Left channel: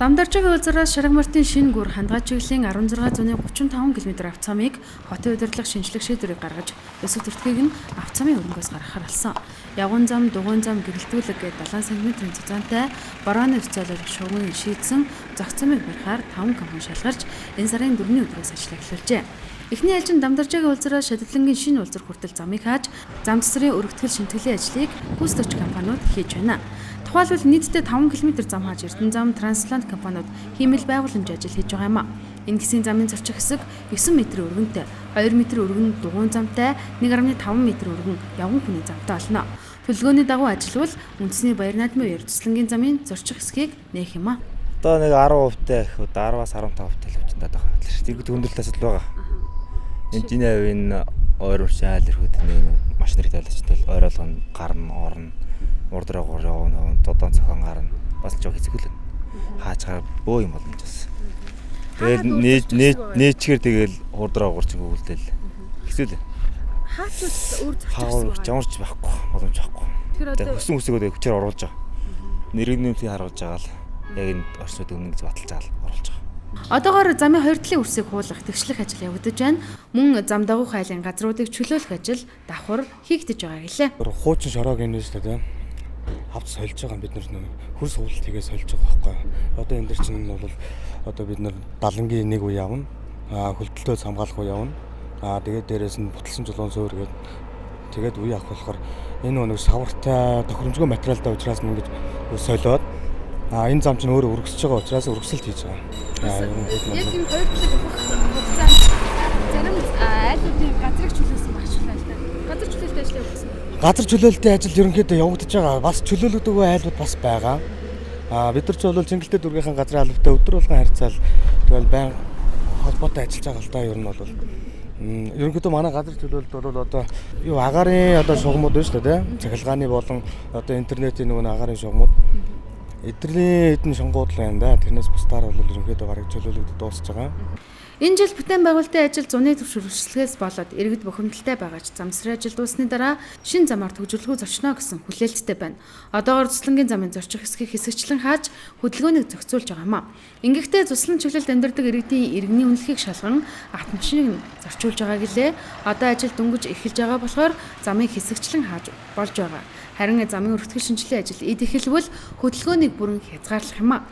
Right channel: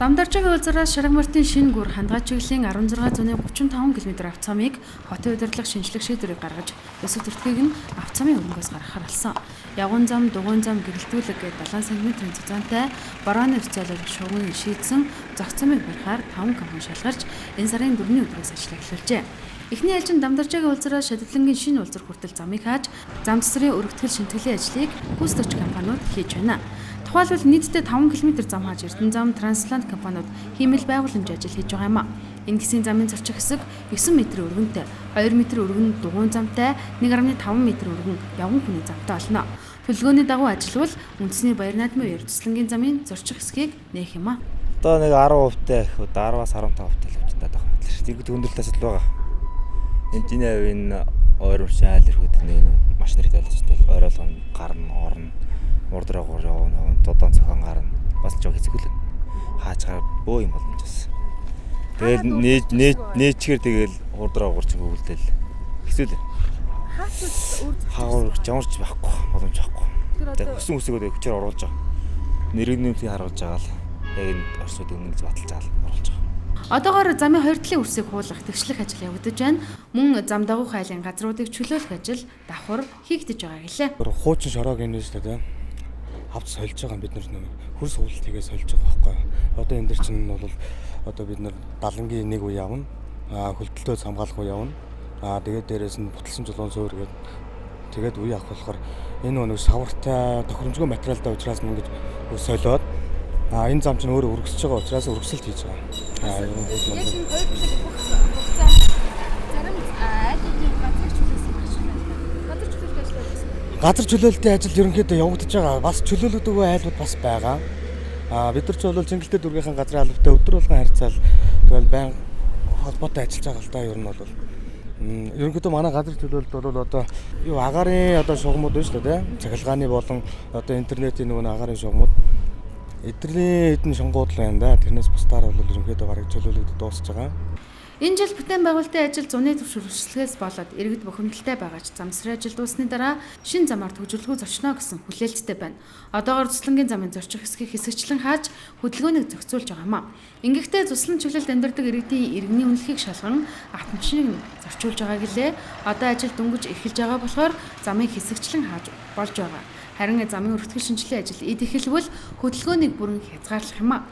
Дамдарчгийн улзараас Шаргамартын шинэ гүр хандгай чиглэлийн 1635 км авцамыг хотын удирдлага шинжлэх шийдвэрийг гаргаж, өсөв төртгийг нь авцамын өрөнгөөс гаргахаар болсон. Ягуун зам, дугуйн зам гэрэлтүүлэг гээд 7 см зузаантай борооны өцөөлөг шугам шийдсэн зохицомыг барихаар 5 компани шалгарч энэ сарын 4-ний өдрөөс ажил эхлүүлжээ. Эхний ээлжин Дамдарчгийн улзараас Шадлангийн шинэ улзар хүртэл замыг хааж, зам цэцрийн өргөтгөл шинтгэлийн ажлыг гүйцэтгэгч компаниуд хийж байна. Тухайлбал нийтдээ 5 км зам хааж Эрдэнэ зам, Трансплант компаниуд хиймэл байгууламжийн ажил хийж байгаа юм а. Энэ гисийн замын зорчих хэсэг 9 м өргөнтэй, 2 м өргөн дугуйн замтай, 1.5 м өргөн явган хүний замтай болно. Төлөвлөгөөний дагуу ажиллавал үндэсний баяр наадмын Эрдэнэ замын зорчих хэсгийг нээх юм а. Одоо нэг 10% та их 10-аас 15% та л хэмжээтэй байгаа. Иргэд хөндлөлт асуудал байгаа. Энэ авийн ойрмч айл ирэхэд нэг машин хэрэгтэй болчихвол ойролгоно гарна, орно. Урдрагуур явна, додон цохон гарна. Бас жоо хэцэгэл. Хаачаар бөө юм боломж бас. Тэгэл нээчгэр тэгэл урдрагуур ч өгүүлдэл. Хэцүү л. Хаагур жамарч байхгүй, боломж байхгүй. Тэгэхээр хөсөн хүсэгөө хүчээр оруулж байгаа. Нэргэнэмтийг харуулж байгаа л яг энэ орчнууд өмнө гэж баталж байгаа л оруулж байгаа. Одоогоор замын хоёр талын үрсийг хуулах, тэгшлэх ажил явагдаж байна. Мөн зам дагуух айлын газруудыг чөлөөлөх ажил давхар хийгдэж байгаа гэлээ. Хуучин шороог энэ шүү дээ. Авч сольж байгаа бид нар хөрс хуулт хийгээ сольж байгаа байхгүй. Одоо энэ дэр чинь бол одоо бид нар далангийн нэг үе явна. Хөлтөлтөөс хамгаалах үе явна. Тэгээд дээрээс нь буталсан чулуун зөөр гээд тэгээд үе авах болохоор энэ нэг савартай тохиромжгүй материалтай учраас мөн гэж солиод энэ зам чинь өөрөө өргөсөж байгаа учраас өргөсөлт хийж байгаа. Яг энэ хоёр талыг бүх хугацаанд зарим айлуудын газрыг чөлөөлсөн багшлаа л да. Газар чөлөөлтөй ажил явуулсан. Газар чөлөөлтийн ажил ерөнхийдөө явагдаж байгаа. Бас чөлөөлөгдөг айлууд бас байгаа. Бид нар ч бол Цэнгэлтэй дүүргийнхэн газрын албатай өдөр болгон харьцаал тэгэл байн холбоотой ажиллаж байгаа л да. Ер нь бол ерөнхийдөө манай газар чөлөөлөлт бол одоо юу агаарын одоо шугамуд байна шүү дээ. Цахилгааны болон одоо интернетийн нөгөө агаарын шугамуд эдгэрлийн хэдэн шонгууд л байна да. Тэрнээс бусдаар бол ерөнхийдөө бараг чөлөөлөгдөж дуусч байгаа. Энэ жил бүтээн байгуулалтын ажил зуны төвшөлтөөс болоод иргэд бухимдалтай байгаач замсрын ажил дуусны дараа шинэ замаар төвжирлэхүү зочно гэсэн хүлээлттэй байна. Одоогоор Цуслангийн замын зорчих хэсгийг хэсэгчлэн хааж хөдөлгөөнийг зохицуулж байгаа юм а. Ингэхдээ Цуслан чиглэлд амьдардаг иргэдийн иргэний үнэлэхийг шалган автомашиныг зорчуулж байгаа гэлээ. Одоо ажил дөнгөж эхэлж байгаа болохоор замыг хэсэгчлэн хааж болж байгаа. Харин замын өргөтгөл шинжилгээ ажил эд эхэлвэл хөдөлгөөнийг бүрэн хязгаарлах юм а.